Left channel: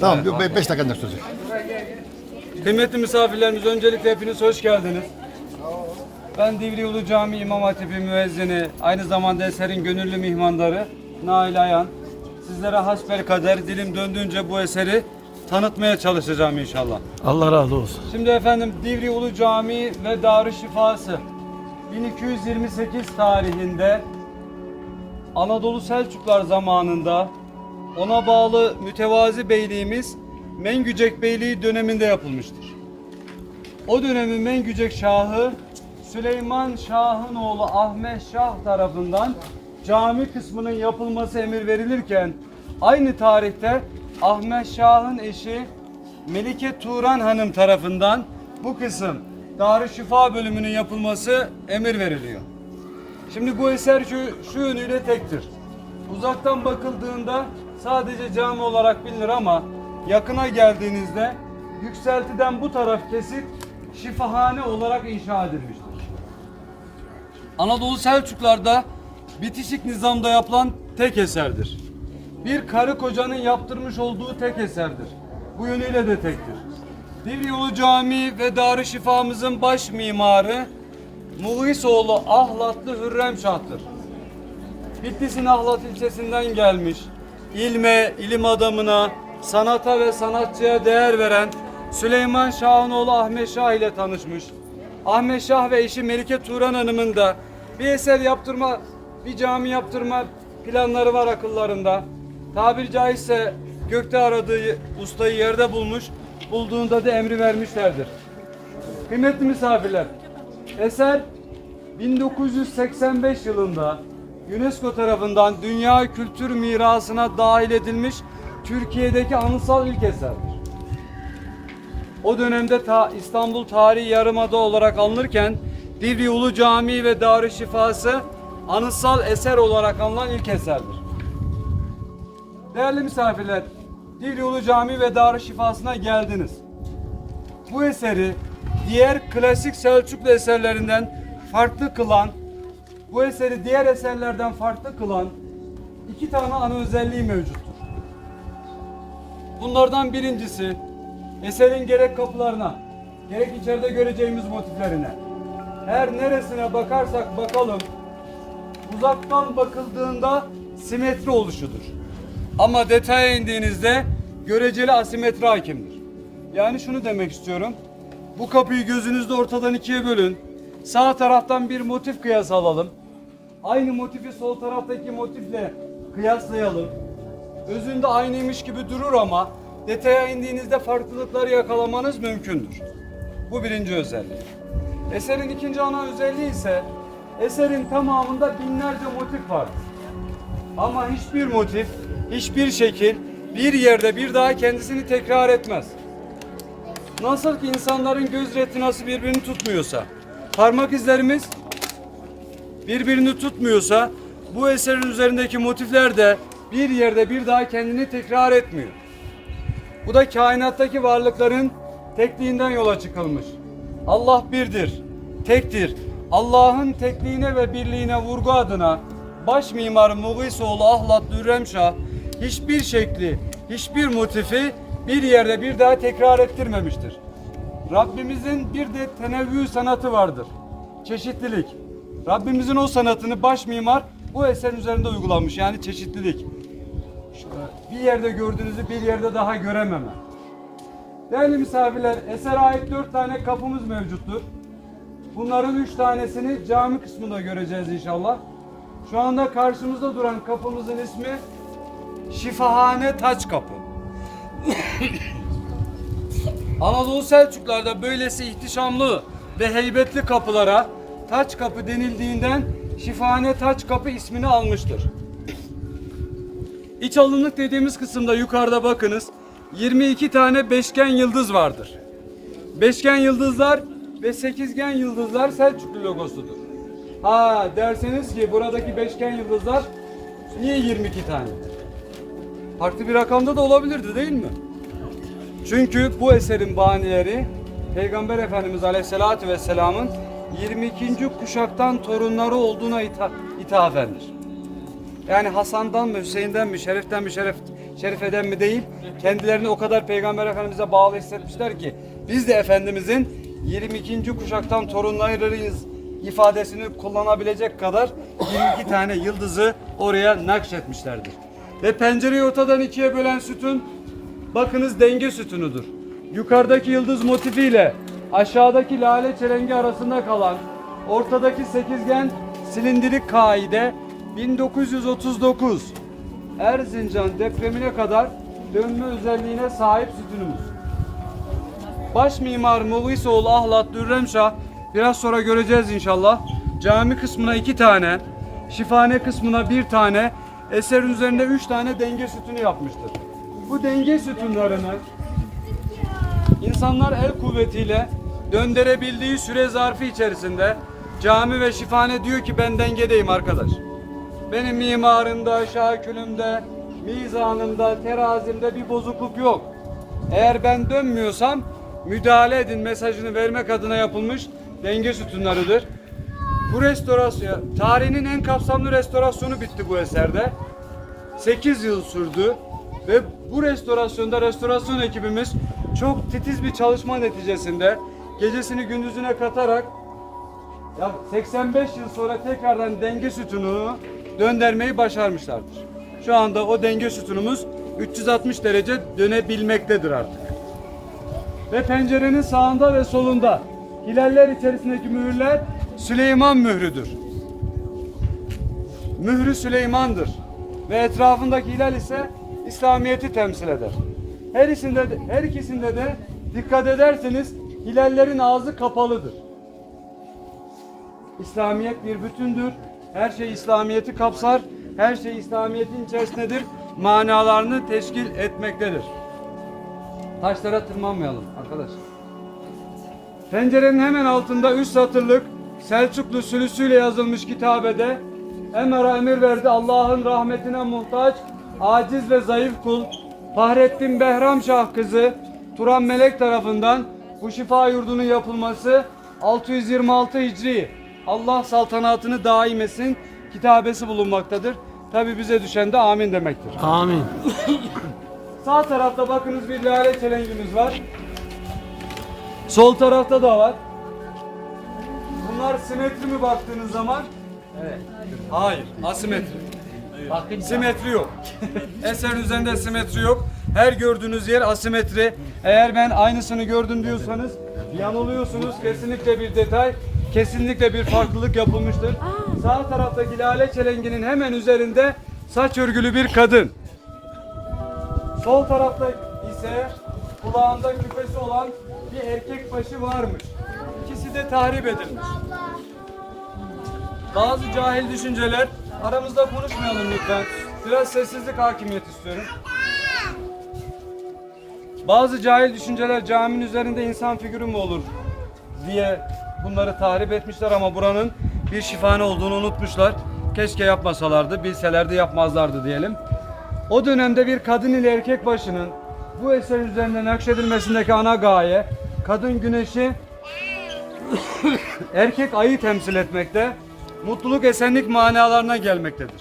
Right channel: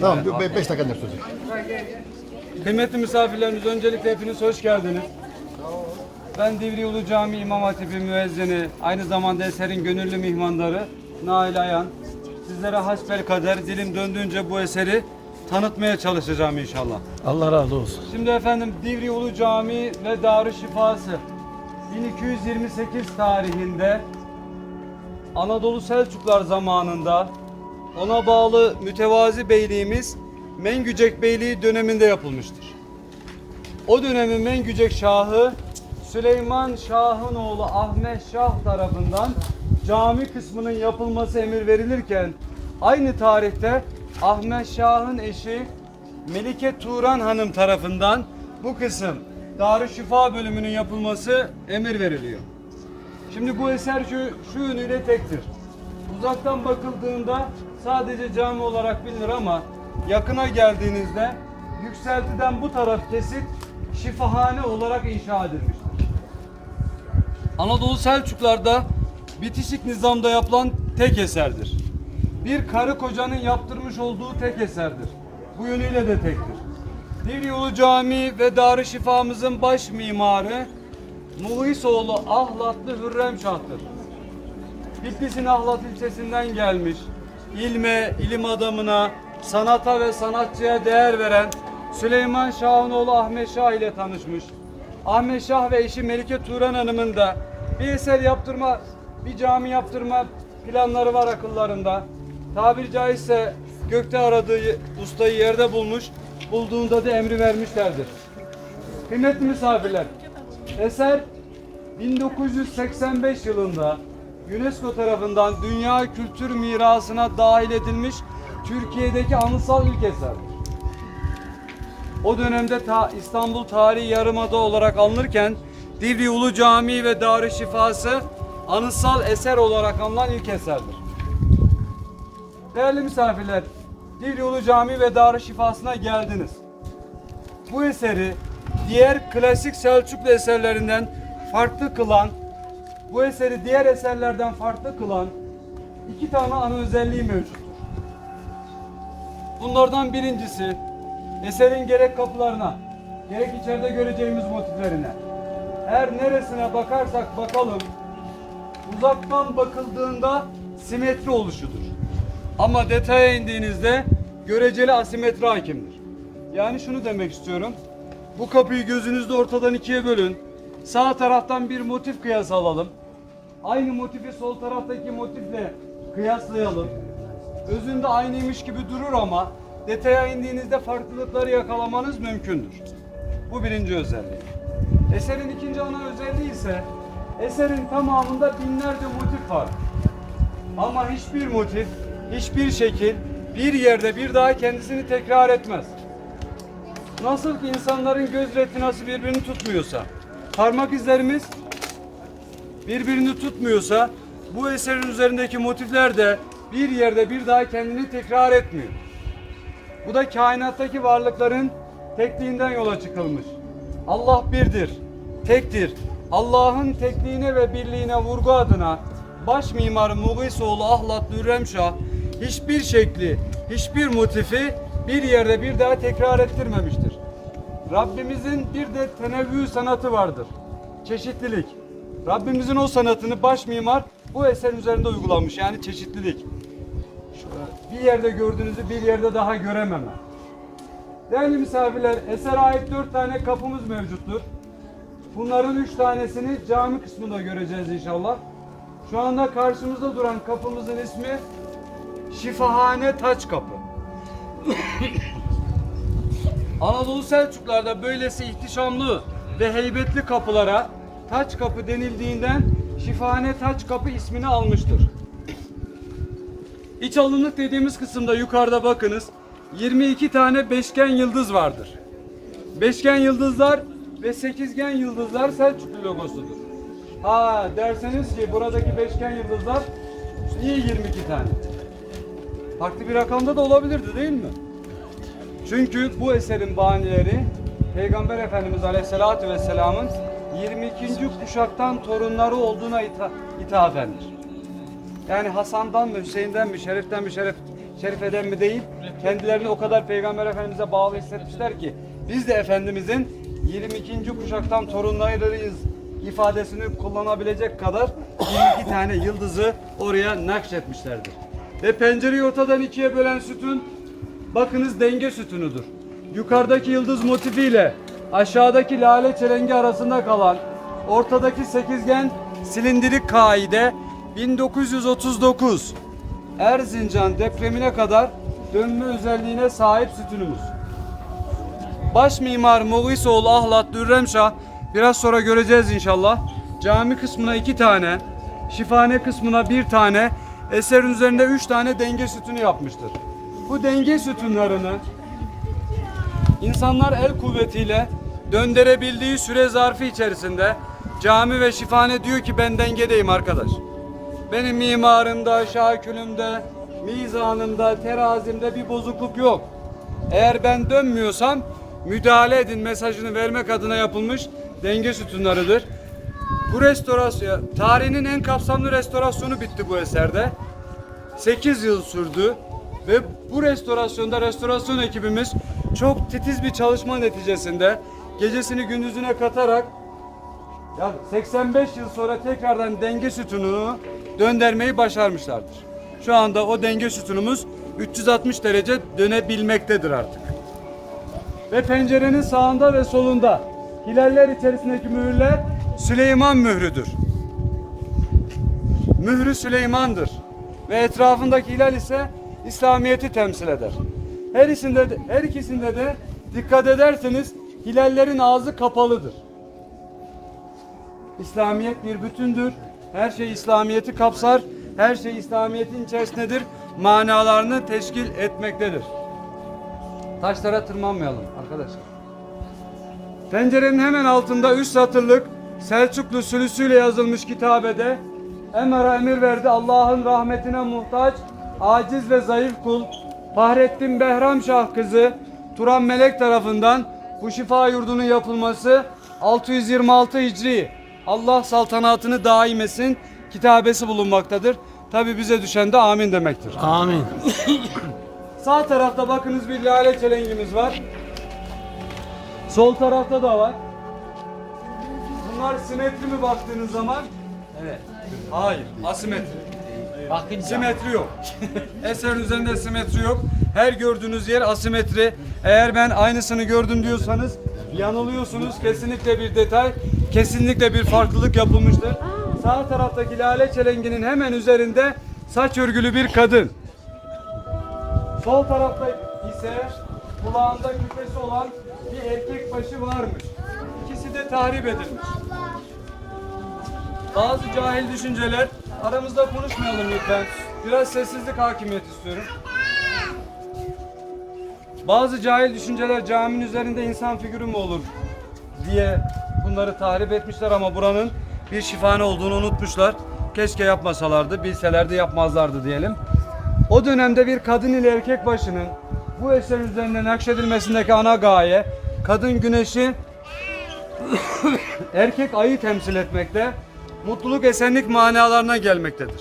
Tamam 5 dakika sürecek. Kıymetli misafirlerimiz öncelikle hepiniz hoş geldiniz. Ben Divri Ulu Cami İmam Hatibi müezzini, aynı zamanda eserin gönüllü mihmandarı Nail Ayan. Sizlere hasbel kader dilim döndüğünce bu eseri tanıtmaya çalışacağım inşallah. Allah razı olsun. Şimdi efendim Divri Ulu Camii ve Darü Şifası 1228 tarihinde Anadolu Selçuklar zamanında ona bağlı mütevazi beyliğimiz Mengücek Beyliği döneminde yapılmıştır. O dönemin Mengücek Şahı Süleyman Şah'ın oğlu Ahmet Şah tarafından cami kısmının yapılması emir verilirken aynı tarihte Ahmet Şah'ın eşi Melike Turan Hanım tarafından bu kısım Darüşşifa bölümünün yapılması emir veriliyor. Şimdi bu eser şu, şu yönüyle tektir. Uzaktan bakıldığında sadece cami olarak bilinir ama yakına geldiğinizde yükseltiden bu taraf kesip şifahane olarak inşa edilmiştir. Anadolu Selçuklar'da bitişik nizamda yapılan tek eserdir. Bir karı kocanın yaptırmış olduğu tek eserdir. Bu yönüyle de tektir. Divri Ulu Camii ve Darü Şifamızın baş mimarı Muhisoğlu Ahlatlı Hürrem Şah'tır. Bitlis'in Ahlat ilçesinden gelmiş, ilme, ilim adamına, sanata ve sanatçıya değer veren Süleyman Şah'ın oğlu Ahmet Şah ile tanışmış. Ahmet Şah ve eşi Melike Turan Hanım'ın da bir eser yaptırma, bir cami yaptırma planları var akıllarında. Tabiri caizse gökte aradığı ustayı yerde bulmuş, bulduğunda da emri vermişlerdir. Kıymetli misafirler, eser 1985 yılında UNESCO tarafından Dünya Kültür Mirası'na dahil edilmiş Türkiye'deki anıtsal ilk eserdir. O dönemde ta İstanbul Tarihi Yarımada olarak alınırken Divri Ulu Camii ve Darü Şifası anıtsal eser olarak alınan ilk eserdir. Değerli misafirler, Divri Ulu Camii ve Darü Şifası'na geldiniz. Bu eseri diğer klasik Selçuklu eserlerinden farklı kılan, bu eseri diğer eserlerden farklı kılan iki tane ana özelliği mevcuttur. Bunlardan birincisi eserin gerek kapılarına, gerek içeride göreceğimiz motiflerine. Her neresine bakarsak bakalım uzaktan bakıldığında simetri oluşudur. Ama detaya indiğinizde göreceli asimetri hakimdir. Yani şunu demek istiyorum. Bu kapıyı gözünüzde ortadan ikiye bölün. Sağ taraftan bir motif kıyası alalım. Aynı motifi sol taraftaki motifle kıyaslayalım. Özünde aynıymış gibi durur ama detaya indiğinizde farklılıkları yakalamanız mümkündür. Bu birinci özellik. Eserin ikinci ana özelliği ise eserin tamamında binlerce motif var. Ama hiçbir motif, hiçbir şekil bir yerde bir daha kendisini tekrar etmez. Nasıl ki insanların göz retinası birbirini tutmuyorsa, parmak izlerimiz birbirini tutmuyorsa, bu eserin üzerindeki motifler de bir yerde bir daha kendini tekrar etmiyor. Bu da kainattaki varlıkların tekliğinden yola çıkılmış. Allah birdir, tektir. Allah'ın tekliğine ve birliğine vurgu adına baş mimar Mugisoğlu Ahlat Dürremşah hiçbir şekli, hiçbir motifi bir yerde bir daha tekrar ettirmemiştir. Rabbimizin bir de tenevvü sanatı vardır. Çeşitlilik. Rabbimizin o sanatını baş mimar bu eserin üzerinde uygulamış. Yani çeşitlilik. Şöyle bir yerde gördüğünüzü bir yerde daha görememe. Değerli misafirler, esere ait dört tane kapımız mevcuttur. Bunların üç tanesini cami kısmında göreceğiz inşallah. Şu anda karşımızda duran kapımızın ismi Şifahane Taç Kapı. Anadolu Selçuklarda böylesi ihtişamlı ve heybetli kapılara taç kapı denildiğinden Şifahane Taç Kapı ismini almıştır. İç alınlık dediğimiz kısımda yukarıda bakınız 22 tane beşgen yıldız vardır. Beşgen yıldızlar ve sekizgen yıldızlar Selçuklu logosudur. Ha derseniz ki buradaki beşgen yıldızlar niye 22 tane? Farklı bir rakamda da olabilirdi değil mi? Çünkü bu eserin banileri Peygamber Efendimiz Aleyhisselatü Vesselam'ın 22. kuşaktan torunları olduğuna ita ithafen. Yani Hasan'dan mı, Hüseyin'den mi, Şerif'ten mi, Şerif, Şerife'den mi değil. Kendilerini o kadar Peygamber Efendimiz'e bağlı hissetmişler ki biz de Efendimiz'in 22. kuşaktan torunlarıyız ifadesini kullanabilecek kadar 22 tane yıldızı oraya nakşetmişlerdir. Ve pencereyi ortadan ikiye bölen sütun bakınız denge sütunudur. Yukarıdaki yıldız motifiyle aşağıdaki lale çelengi arasında kalan ortadaki sekizgen silindirik kaide 1939 Erzincan depremine kadar dönme özelliğine sahip sütunumuz. Baş mimar Muğisoğlu Ahlat Dürremşah biraz sonra göreceğiz inşallah. Cami kısmına iki tane, şifane kısmına bir tane, eserin üzerinde üç tane denge sütunu yapmıştır. Bu denge sütunlarını insanlar el kuvvetiyle döndürebildiği süre zarfı içerisinde cami ve şifane diyor ki ben dengedeyim arkadaş. Benim mimarımda, şakülümde, mizanımda, terazimde bir bozukluk yok. Eğer ben dönmüyorsam müdahale edin mesajını vermek adına yapılmış denge sütunlarıdır. Bu restorasyon, tarihinin en kapsamlı restorasyonu bitti bu eserde. 8 yıl sürdü ve bu restorasyonda restorasyon ekibimiz çok titiz bir çalışma neticesinde gecesini gündüzüne katarak ya 85 yıl sonra tekrardan denge sütununu döndürmeyi başarmışlardır. Şu anda o denge sütunumuz 360 derece dönebilmektedir artık. Ve pencerenin sağında ve solunda hilaller içerisindeki mühürler Süleyman mührüdür. Mührü Süleyman'dır. Ve etrafındaki hilal ise İslamiyet'i temsil eder. Her ikisinde de, her ikisinde de dikkat ederseniz hilallerin ağzı kapalıdır. İslamiyet bir bütündür. Her şey İslamiyet'i kapsar. Her şey İslamiyet'in içerisindedir. Manalarını teşkil etmektedir. Taşlara tırmanmayalım arkadaşlar. Pencerenin hemen altında üç satırlık Selçuklu sülüsüyle yazılmış kitabede Emer'a emir verdi Allah'ın rahmetine muhtaç, aciz ve zayıf kul Fahrettin Behram Şah kızı Turan Melek tarafından bu şifa yurdunun yapılması 626 Hicri Allah saltanatını daim etsin kitabesi bulunmaktadır. Tabi bize düşen de amin demektir. Amin. Sağ tarafta bakınız bir lale çelengimiz var. Sol tarafta da var. Bunlar simetri mi baktığınız zaman? Evet. Hayır, asimetri. Simetri yok. Eserin üzerinde simetri yok. Her gördüğünüz yer asimetri. Eğer ben aynısını gördüm diyorsanız yanılıyorsunuz. Kesinlikle bir detay, kesinlikle bir farklılık yapılmıştır. Sağ taraftaki lale çelenginin hemen üzerinde saç örgülü bir kadın. Sol tarafta ise kulağında küpesi olan bir erkek başı varmış. İkisi de tahrip edilmiş. Bazı cahil düşünceler aramızda konuşmayalım lütfen. Biraz sessizlik hakimiyet istiyorum. Bazı cahil düşünceler caminin üzerinde insan figürü mü olur diye bunları tahrip etmişler ama buranın bir şifane olduğunu unutmuşlar. Keşke yapmasalardı, bilselerdi yapmazlardı diyelim. O dönemde bir kadın ile erkek başının bu eserin üzerinde nakşedilmesindeki ana gaye kadın güneşi erkek ayı temsil etmekte, mutluluk esenlik manalarına gelmektedir.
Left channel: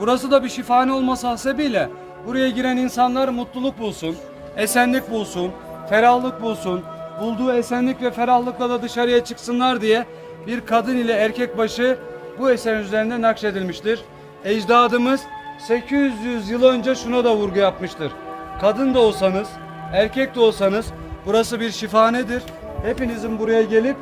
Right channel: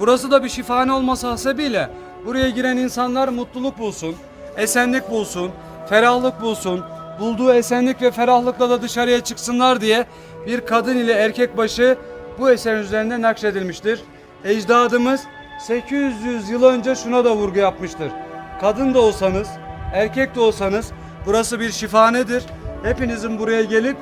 Burası da bir şifane olması hasebiyle buraya giren insanlar mutluluk bulsun, esenlik bulsun, ferahlık bulsun, bulduğu esenlik ve ferahlıkla da dışarıya çıksınlar diye bir kadın ile erkek başı bu eserin üzerinde nakşedilmiştir. Ecdadımız 800 yıl önce şuna da vurgu yapmıştır. Kadın da olsanız, erkek de olsanız burası bir şifanedir. Hepinizin buraya gelip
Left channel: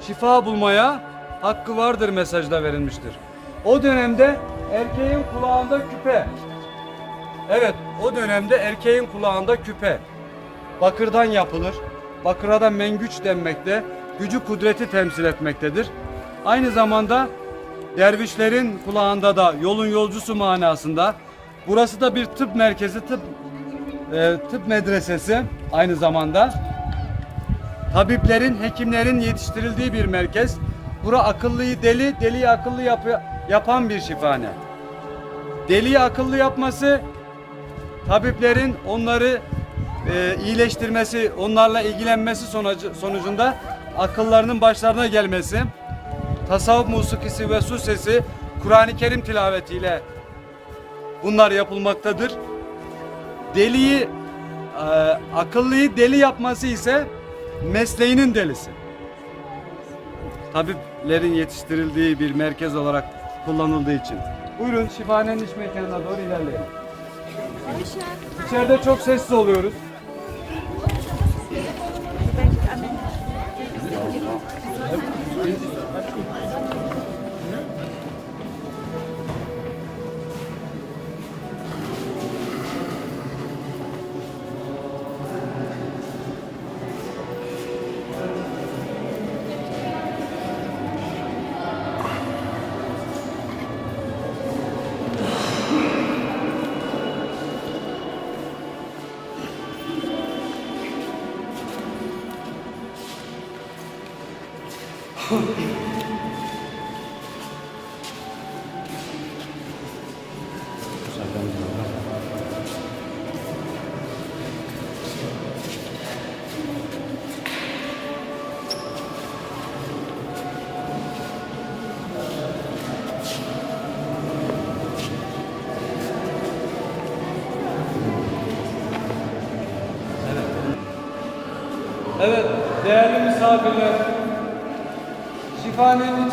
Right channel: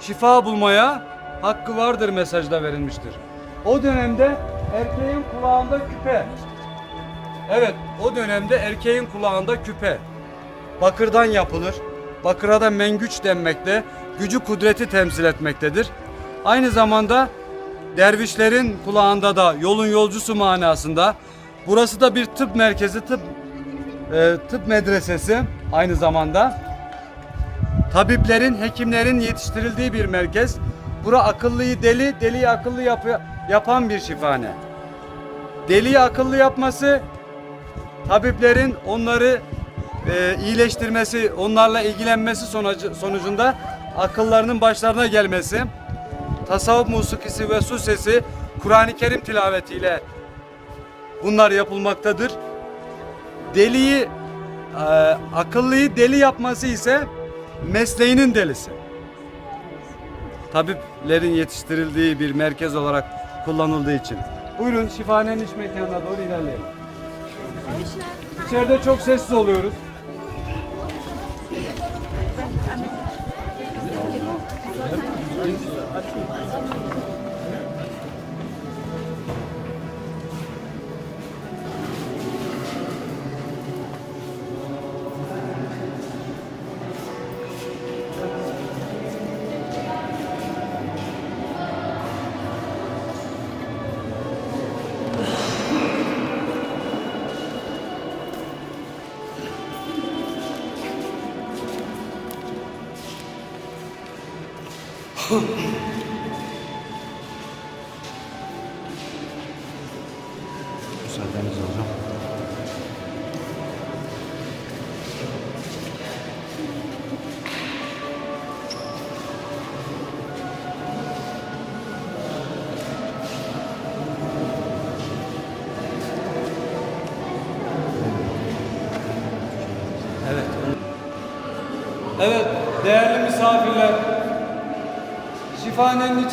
şifa bulmaya hakkı vardır mesajda verilmiştir. O dönemde erkeğin kulağında küpe. Evet, o dönemde erkeğin kulağında küpe. Bakırdan yapılır. Bakıra da mengüç denmekte. Gücü kudreti temsil etmektedir. Aynı zamanda dervişlerin kulağında da yolun yolcusu manasında. Burası da bir tıp merkezi, tıp e, tıp medresesi aynı zamanda. Tabiplerin, hekimlerin yetiştirildiği bir merkez. Bura akıllıyı deli, deliyi akıllı yapı- yapan bir şifane. Deliyi akıllı yapması, tabiplerin onları e, iyileştirmesi, onlarla ilgilenmesi sonucu, sonucunda akıllarının başlarına gelmesi, tasavvuf musikisi ve su sesi Kur'an-ı Kerim tilavetiyle bunlar yapılmaktadır. Deliyi, e, akıllıyı deli yapması ise mesleğinin delisi. Tabiplerin yetiştirildiği bir merkez olarak kullanıldığı için. Buyurun şifahanenin iç mekanına doğru ilerleyelim. İçeride çok sessiz oluyoruz.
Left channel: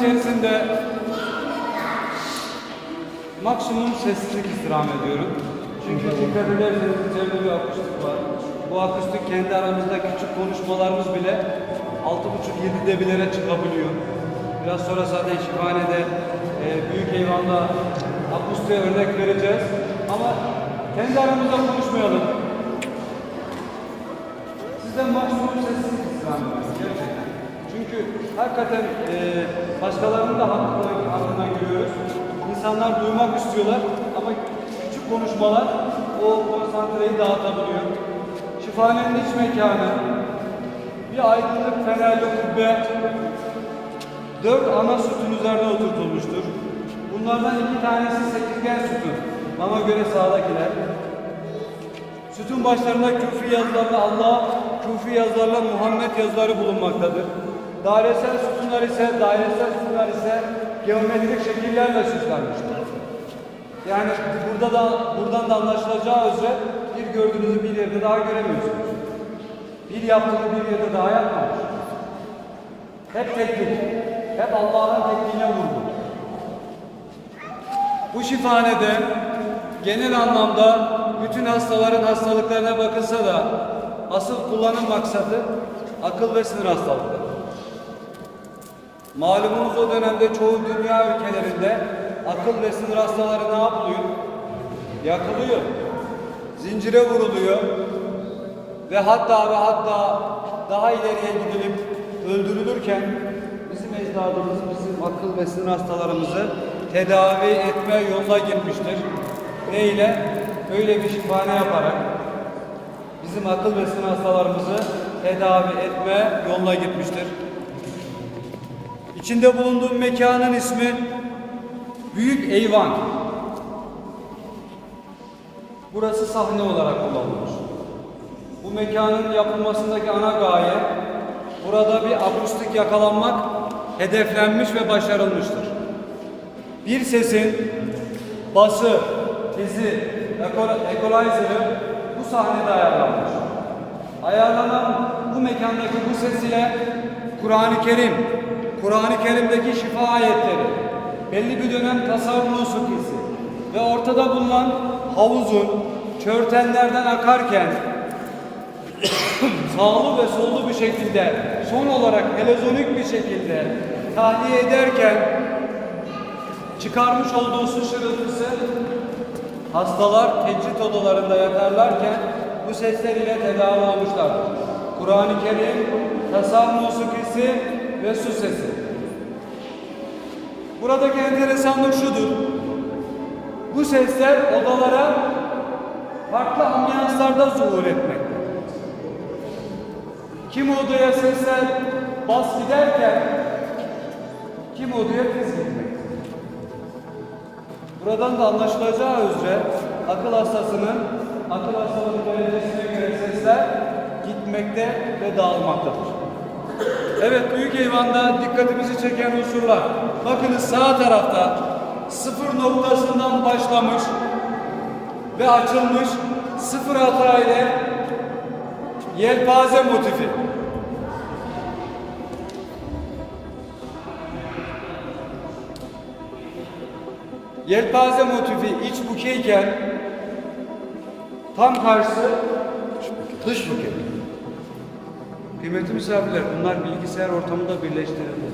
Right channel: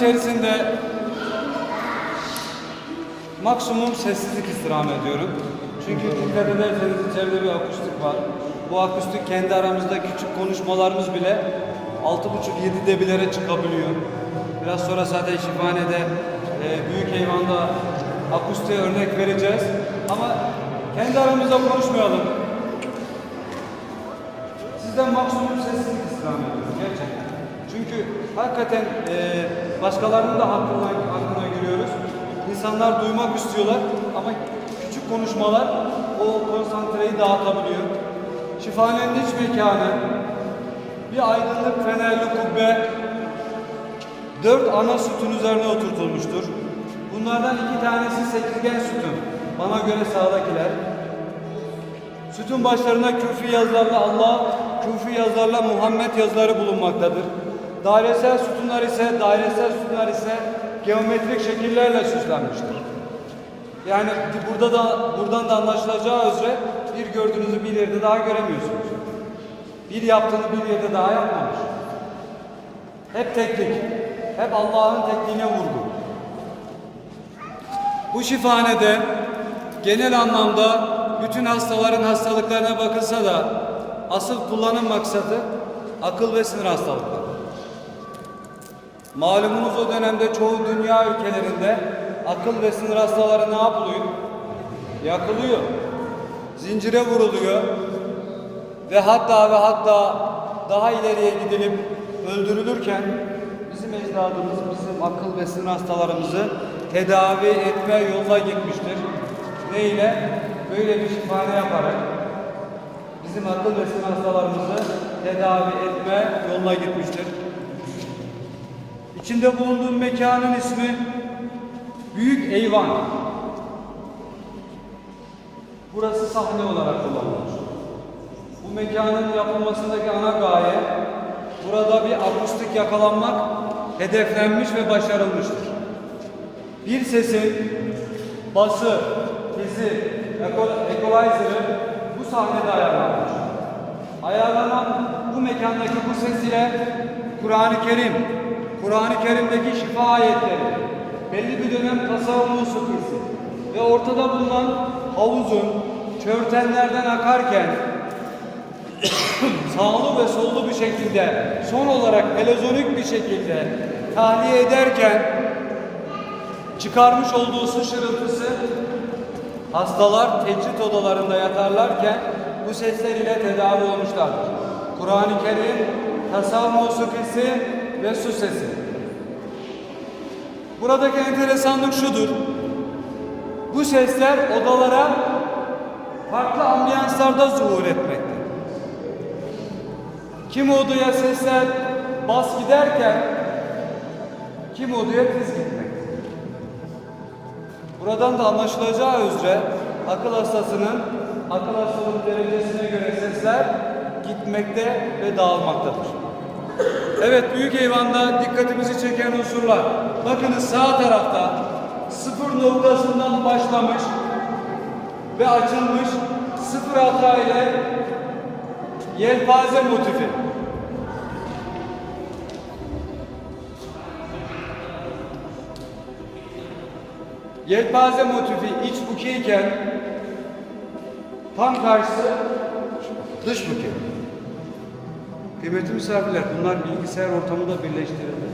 İçerisinde maksimum sessizlik istirham ediyorum. Çünkü dikkat ederseniz içeride bir akustik var. Bu akustik kendi aramızda küçük konuşmalarımız bile 6,5-7 debilere çıkabiliyor. Biraz sonra zaten şifahanede e, büyük eyvanda akustiğe örnek vereceğiz. Ama kendi aramızda konuşmayalım. Sizden maksimum sessizlik. Çünkü hakikaten e, başkalarının da hakkından, hakkından giriyoruz. İnsanlar duymak istiyorlar ama küçük konuşmalar o konsantreyi dağıtabiliyor. Şifahanenin iç mekanı, bir aydınlık fenerli kubbe, dört ana sütun üzerine oturtulmuştur. Bunlardan iki tanesi sekizgen sütun. Bana göre sağdakiler. Sütun başlarında küfü yazılarla Allah, küfü yazılarla Muhammed yazıları bulunmaktadır. Dairesel sütunlar ise, dairesel sütunlar ise geometrik şekillerle süslenmiştir. Yani burada da buradan da anlaşılacağı üzere bir gördüğünüzü bir yerde daha göremiyorsunuz. Bir yaptığını bir yerde daha yapmamış. Hep teklik, hep Allah'ın tekliğine vurgu. Bu şifanede genel anlamda bütün hastaların hastalıklarına bakılsa da asıl kullanım maksadı akıl ve sinir hastalıkları. Malumunuz o dönemde çoğu dünya ülkelerinde akıl ve sinir hastaları ne yapılıyor? Yakılıyor. Zincire vuruluyor. Ve hatta ve hatta daha ileriye gidilip öldürülürken bizim ecdadımız bizim akıl ve sinir hastalarımızı tedavi etme yoluna gitmiştir. Neyle? Böyle bir şifane yaparak bizim akıl ve sinir hastalarımızı tedavi etme yoluna gitmiştir. İçinde bulunduğum mekanın ismi Büyük Eyvan. Burası sahne olarak kullanılmış. Bu mekanın yapılmasındaki ana gaye burada bir akustik yakalanmak hedeflenmiş ve başarılmıştır. Bir sesin bası, eko- equalizer'ı bu sahnede ayarlanmış. Ayarlanan bu mekandaki bu ses ile Kur'an-ı Kerim, Kur'an-ı Kerim'deki şifa ayetleri, belli bir dönem tasavvuf musikisi ve ortada bulunan havuzun çörtenlerden akarken sağlı ve sollu bir şekilde son olarak melazonik bir şekilde tahliye ederken çıkarmış olduğu su şırıltısı hastalar tecrit odalarında yatarlarken bu sesler ile tedavi olmuşlardır. Kur'an-ı Kerim, tasavvuf musikisi ve su sesi. Buradaki enteresanlık şudur. Bu sesler odalara farklı ambiyanslarda zuhur etmekte. Kim odaya sesler bas giderken kim odaya tiz gitmekte. Buradan da anlaşılacağı üzere akıl hastasının akıl hastalığı derecesine göre sesler gitmekte ve dağılmaktadır. Evet büyük eyvanda dikkatimizi çeken unsurlar. Bakınız sağ tarafta sıfır noktasından başlamış ve açılmış sıfır hata ile yelpaze motifi. Yelpaze motifi iç bukeyken tam karşısı dış bukey. Kıymetli misafirler bunlar bilgisayar ortamında birleştirildi.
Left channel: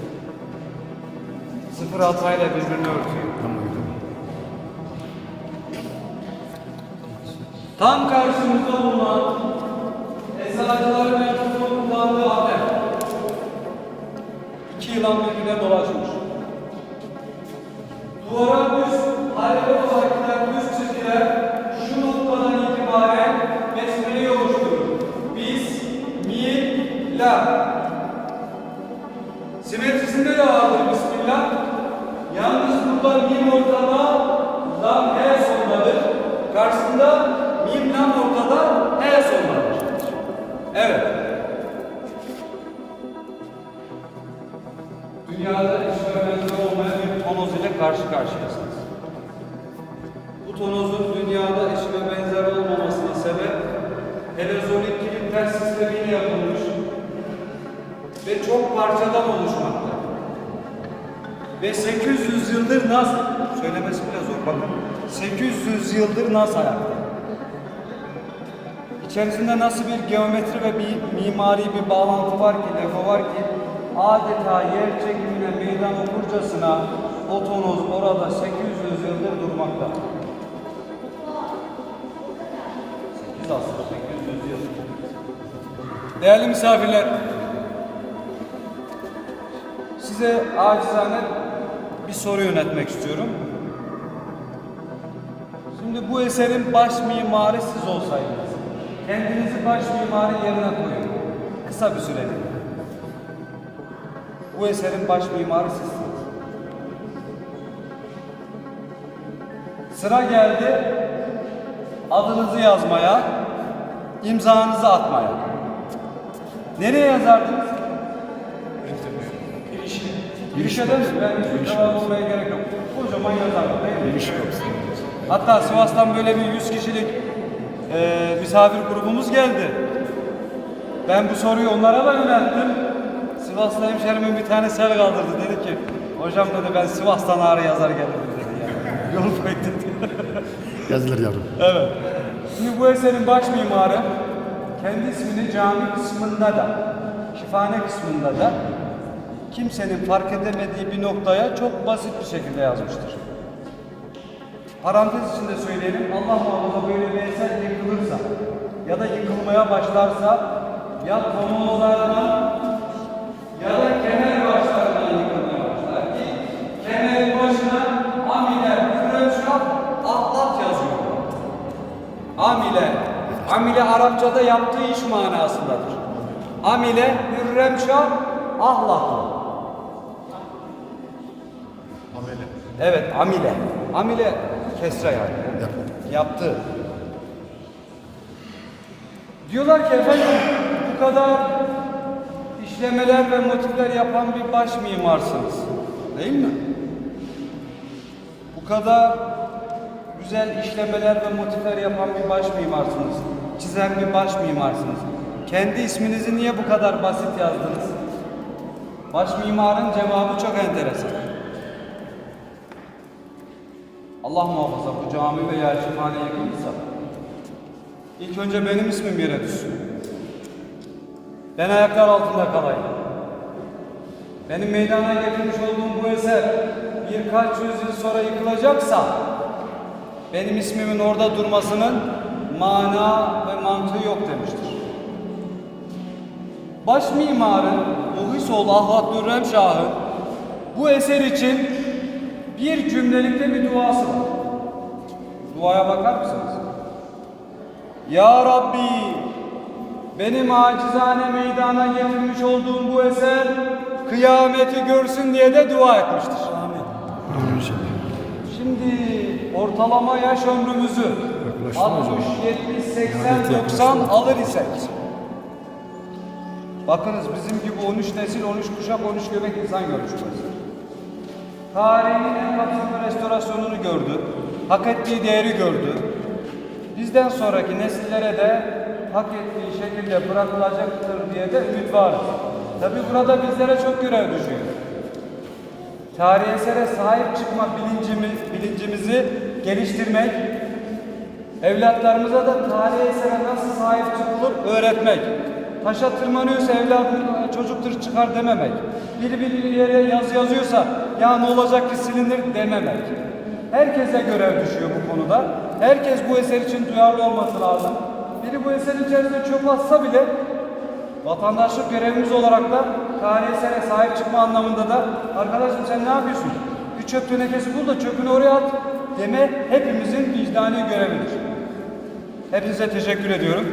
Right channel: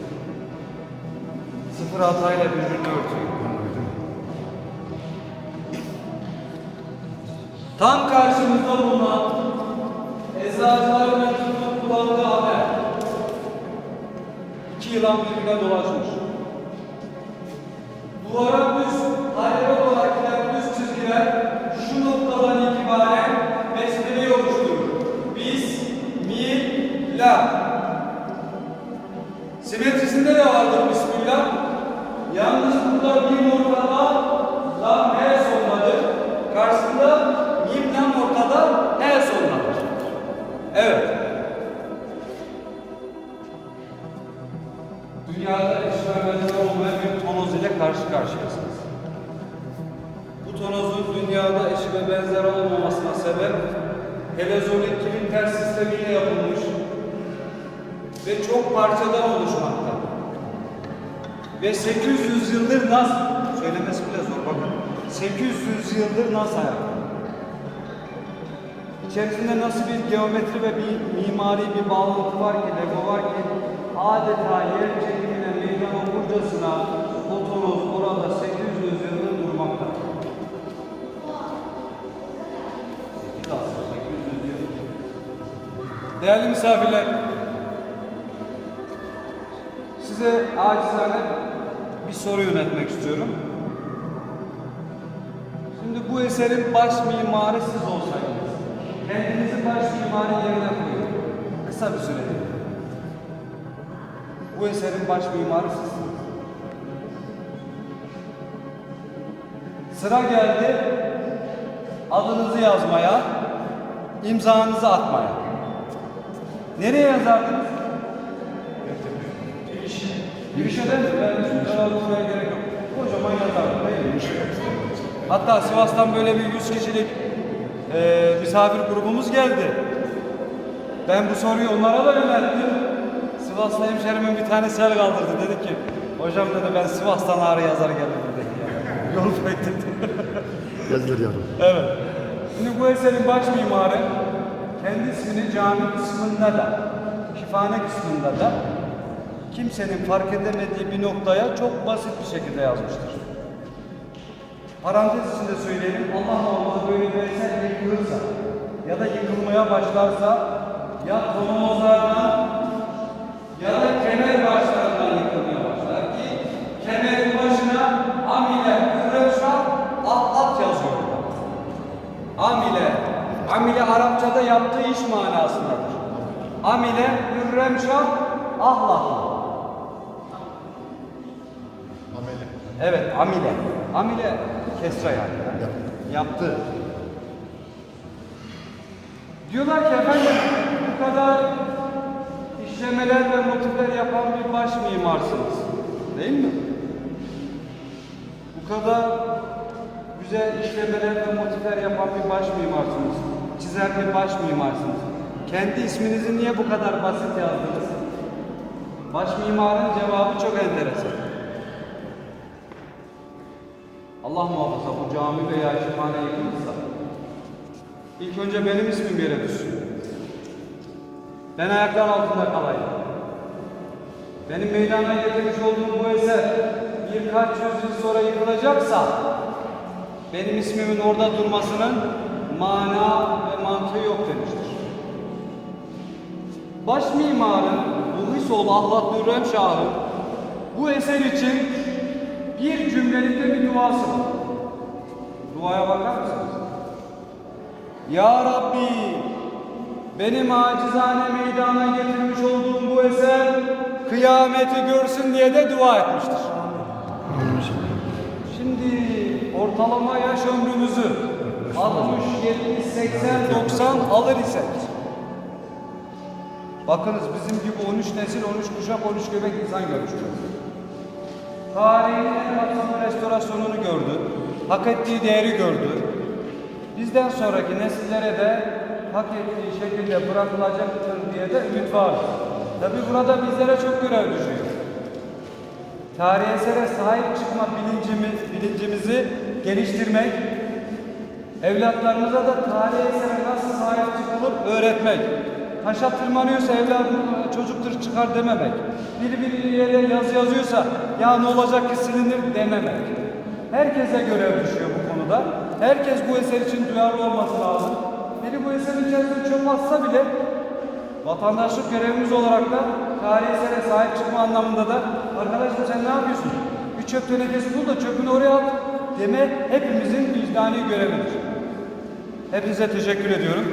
Sıfır hatayla birbirini örtüyor. Tam karşımızda bulunan eczacılar tıbbın kullandığı haber. İki yılan birbirine dolaşmış. Duvara düz, Ve 800 yıldır nasıl söylemesi bile zor bakın. 800 yıldır nasıl ayakta? İçerisinde nasıl bir geometri ve bir mimari bir bağlantı var ki, lafı var ki adeta yer çekimine meydan okurcasına o tonoz orada 800 yıldır durmakta. 8 aslında 800 yıl. Değerli misafirler, size acizane bir soru yönetmek istiyorum. Şimdi bu eserin baş mimarı siz olsaydınız, kendinizi baş mimari yerine koyun. Kısa bir sürede. Bu eserin baş mimarı sizsiniz. Sıra geldi adınızı yazmaya, imzanızı atmaya. Nereye yazardınız? Girişe de mi? Ben hiç mütevazı olmaya gerek yok. Kocaman değil mi? Hatta Sivas'tan böyle bir 100 kişilik e, misafir grubumuz geldi. Ben bu soruyu onlara da yönelttim. Sivaslı hemşerimin bir tane sel kaldırdı. Dedi ki, hocam dedi ben Sivas'tan ağrı yazar gelirdim dedi ya. Yol dedi. Yazılır yavrum. Evet. Şimdi bu eserin baş mimarı kendi ismini cami kısmında da, şifane kısmında da kimsenin fark edemediği bir noktaya çok basit bir şekilde yazmıştır. Parantez içinde söyleyelim, Allah muhafaza böyle bir eser yıkılırsa ya da yıkılmaya başlarsa ya tonozlardan ya da kemer başlarından yıkılmaya başlar ki kemerin başına amile, hürremşah, atlat yazıyor. Amile, amile Arapçada yaptığı iş manasındadır. Amile, hürremşah, ahlatlı. Evet, amile. Amile kesra yani. Yaptı. Diyorlar ki efendim bu kadar işlemeler ve motifler yapan bir baş mimarsınız. Değil mi? Bu kadar güzel işlemeler ve motifler yapan bir baş mimarsınız. Çizen bir baş mimarsınız. Kendi isminizi niye bu kadar basit yazdınız? Baş mimarın cevabı çok enteresan. Allah muhafaza bu cami ve yerçimhane yıkılırsa ilk önce benim ismim yere düşsün. Ben ayaklar altında kalayım. Benim meydana getirmiş olduğum bu eser birkaç yüz yıl sonra yıkılacaksa benim ismimin orada durmasının mana ve mantığı yok demiştir. Baş mimarın Muhisoğlu Ahlat Dürrem Şah'ın bu eser için bir cümlelikte bir duası var. Duaya bakar mısınız? Ya Rabbi benim acizane meydana getirmiş olduğum bu eser kıyameti görsün diye de dua etmiştir. Şimdi ortalama yaş ömrümüzü 60, 70, 80, 90 alır isek Bakınız bizim gibi 13 nesil, 13 kuşak, 13 göbek insan görmüş tarihin en kapsamlı restorasyonunu gördü. Hak ettiği değeri gördü. Bizden sonraki nesillere de hak ettiği şekilde bırakılacaktır diye de ümit varız. Tabi burada bizlere çok görev düşüyor. Tarihi esere sahip çıkma bilincimiz, bilincimizi geliştirmek, evlatlarımıza da tarihi esere nasıl sahip çıkılır öğretmek. Taşa tırmanıyorsa evladım çocuktur çıkar dememek. Biri bir yere yazı yazıyorsa ya ne olacak ki silinir dememek. Herkese görev düşüyor bu konuda. Herkes bu eser için duyarlı olması lazım. Biri bu eserin içerisine çöp atsa bile Vatandaşlık görevimiz olarak da tarihi sahip çıkma anlamında da arkadaşım sen ne yapıyorsun? Bir çöp tenekesi bul da çöpünü oraya at deme hepimizin vicdani görevidir. Hepinize teşekkür ediyorum.